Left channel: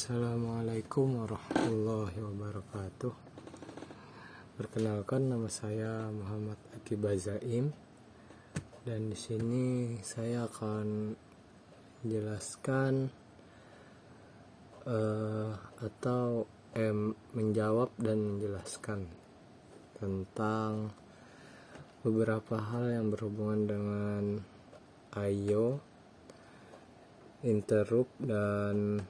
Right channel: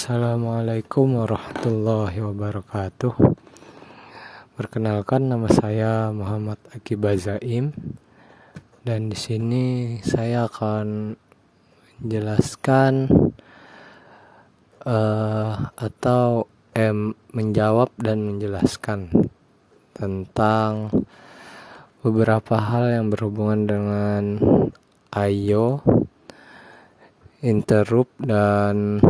Assalamualaikum warahmatullahi wabarakatuh. Perkenalkan, nama saya Muhammad Akiba Zaim, dan di sini saya akan menjelaskan menjawab dan menjelaskan tentang beberapa hal yang berhubungan dengan I/O, interrupt, dan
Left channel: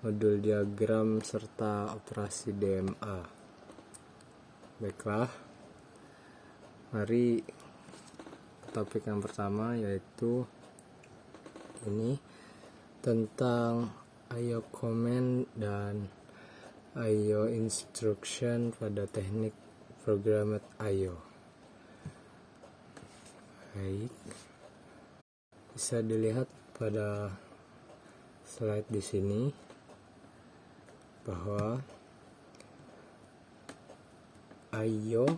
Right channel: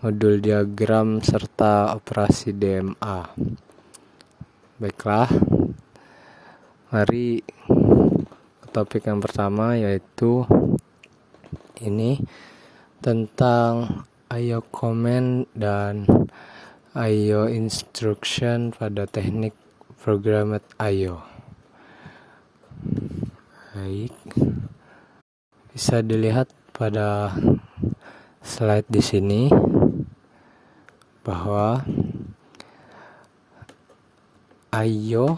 modul diagram serta operasi DMA. Baiklah, mari ke topik yang pertama, yaitu ini tentang I/O command dan I/O instruction pada teknik programmed I/O. Baik, bisa dilihat pada slide di sini bahwa I/O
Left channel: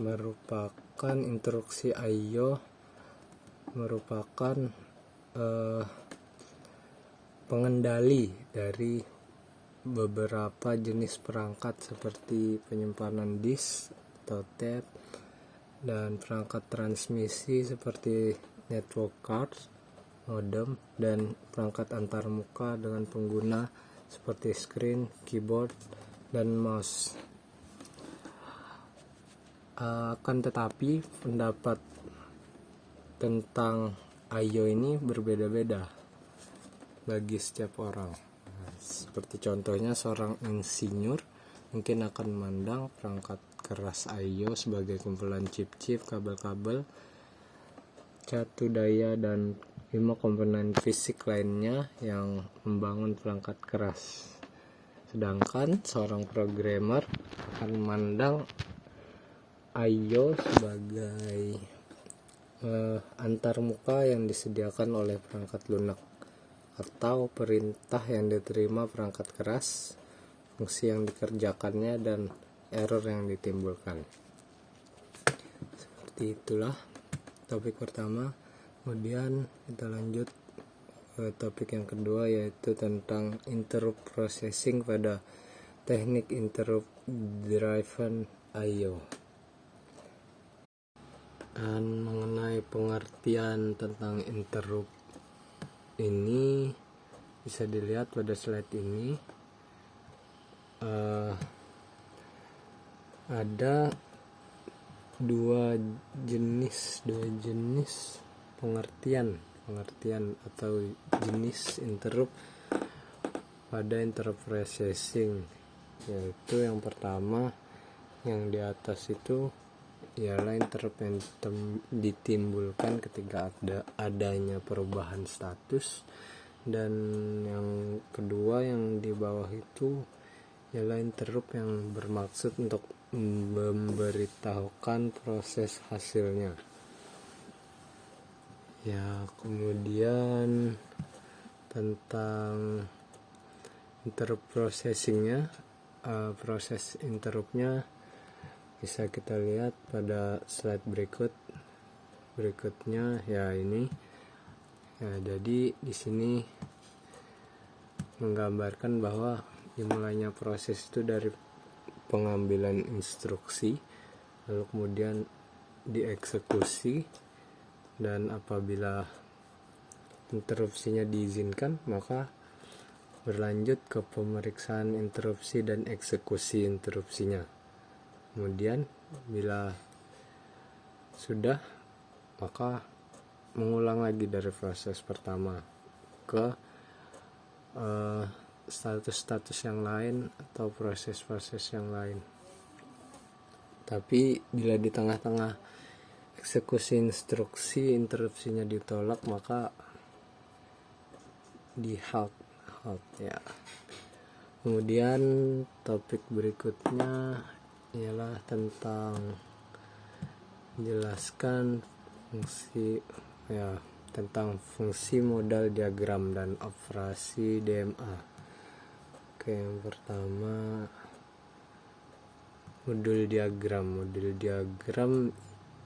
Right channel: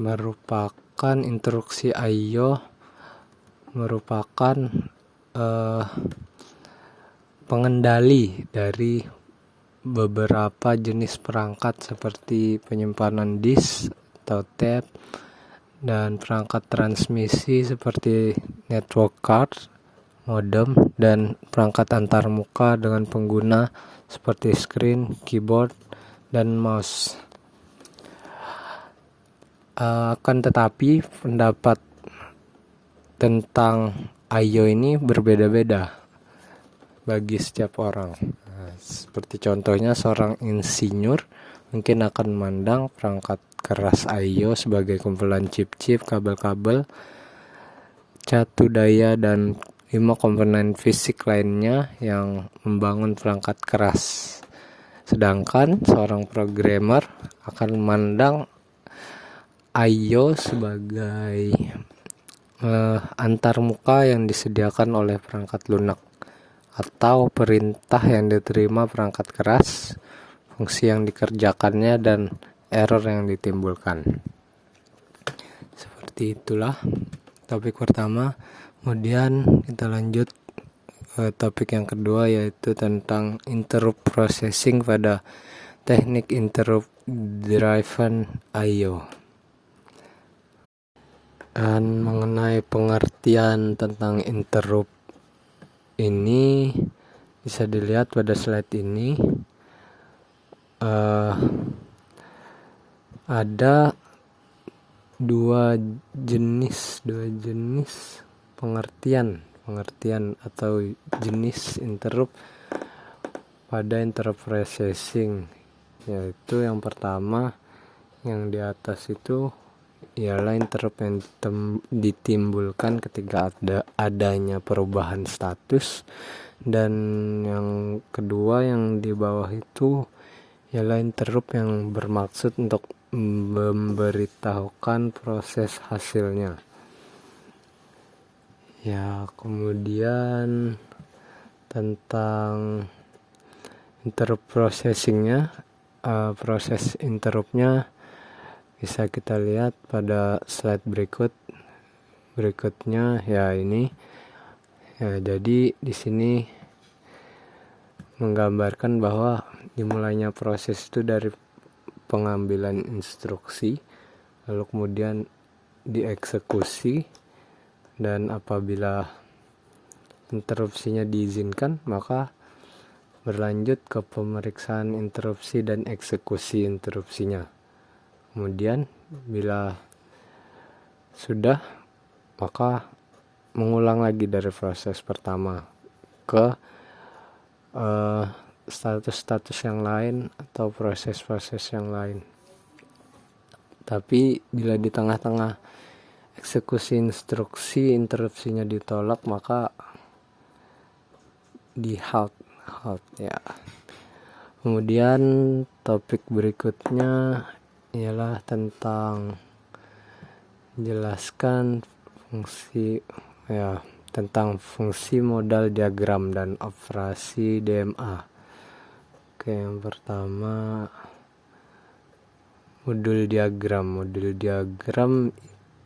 merupakan instruksi I/O merupakan pengendali dari beberapa jenis perangkat seperti penyimpanan disk atau tape, dan perangkat transmisi seperti network card, modem, dan perangkat antarmuka dengan pengguna seperti screen, keyboard, dan mouse. Akan tetapi pendapat tentang I/O ini berbeda-beda bagi setiap orang. Seperti contohnya, seorang insinyur mungkin akan memandang perangkat keras I/O sebagai kumpulan chip-chip, kabel-kabel, catu daya, dan 5 komponen fisik lainnya yang membangun perangkat keras. Sedangkan seorang programmer akan memandang I/O sebagai antarmuka yang disediakan oleh perangkat lunak atau perintah yang diterima perangkat keras, fungsi yang dikerjakannya, dan error yang ditimbulkan. Seperti itulah topik pertama. Kemudian kita lanjut ke topik yang kedua, yaitu tentang interrupt processing pada teknik interrupt driven I/O. Dan mengenai pengertian tentang interrupt ini bisa dilihat pada slide ini. Ada dua jenis pengertian atau jenis interrupt pada interrupt processing, yaitu yang pertama, yang di atas itu ialah interrupt yang ditimbulkan ketika adanya perubahan status, dan yang kedua yang di bawah itu ialah interrupt yang bermaksud untuk memberitahukan proses hasilnya. Kemudian tentang interrupt processingnya, proses interruptnya bisa kita lihat pada slide berikutnya. Ini jadi di sini menggambarkan bahwa dimulainya proses itu dari pengambilan instruksi, lalu kemudian dieksekusi, dan apabila interupsinya diizinkan, maka berlanjut ke pemeriksaan interupsi dan eksekusi interupsinya. Kemudian bila sudah, maka mengulang lagi dari proses pertama ke status-status yang lain atau proses-proses yang lain. Tapi bila di tengah-tengah eksekusi instruksi interupsinya ditolak, maka di halt ya. Kemudian topik berikutnya ialah tentang menjelaskan tentang fungsi modal diagram dan operasi DMA. Yang pertama, modul diagram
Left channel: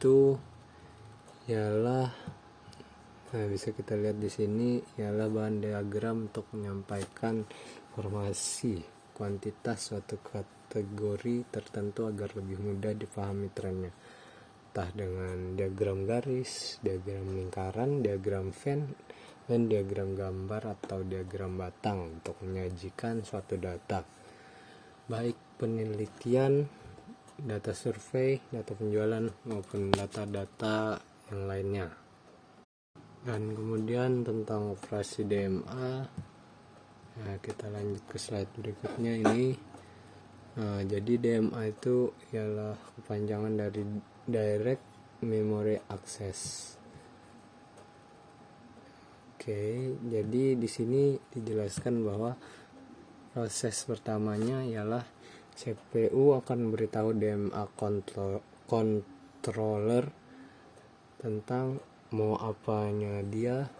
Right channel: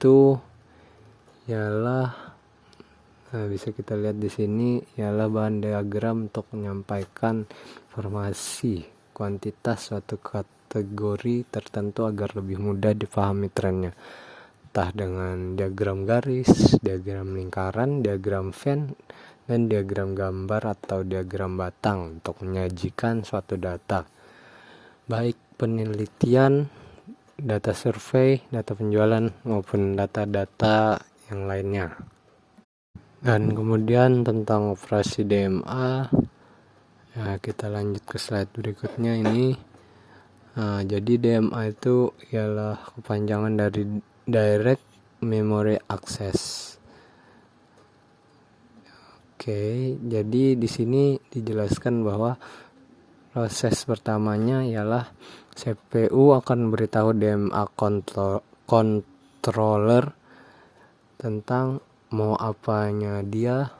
itu ialah Nah, bisa kita lihat di sini ialah bahan diagram untuk menyampaikan informasi kuantitas suatu kategori tertentu agar lebih mudah dipahami trennya, entah dengan diagram garis, diagram lingkaran, diagram Venn, dan diagram gambar atau diagram batang untuk menyajikan suatu data, baik penelitian, data survei, data penjualan, maupun data-data yang lainnya. Dan kemudian tentang operasi DMA, ya kita lanjut ke slide berikutnya ini. Nah, jadi DMA itu ialah kepanjangan dari Direct Memory Access. Oke, jadi di sini dijelaskan bahwa proses pertamanya ialah CPU akan memberitahu DMA controller tentang mau apanya dia,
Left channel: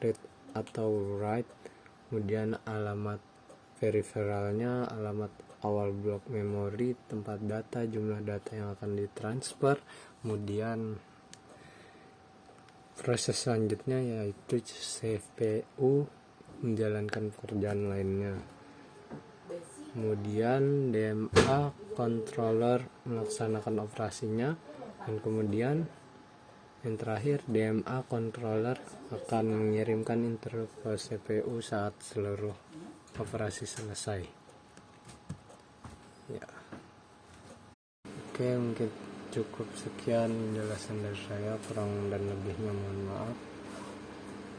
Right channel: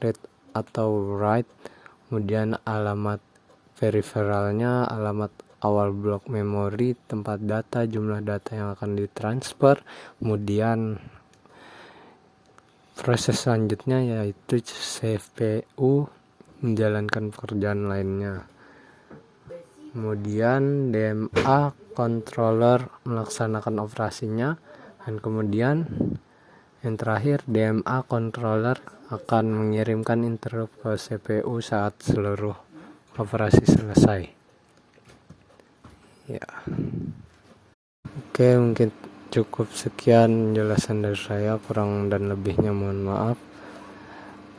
read atau write, kemudian alamat peripheralnya, alamat awal blok memori, tempat data, jumlah data yang akan ditransfer, kemudian proses selanjutnya yaitu CPU menjalankan pekerjaan lainnya. Kemudian DMA controller melaksanakan operasinya, dan kemudian yang terakhir DMA controller akan mengirimkan interrupt ke CPU saat seluruh operasi selesai. Ya. Oke, mungkin cukup sekian penjelasan dari saya, kurang dan lebihnya mohon maaf.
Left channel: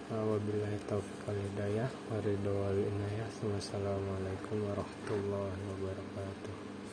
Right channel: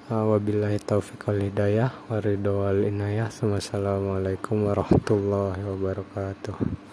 Wabillahi taufiq wal hidayah, waridho wal inayah. Wassalamualaikum warahmatullahi wabarakatuh.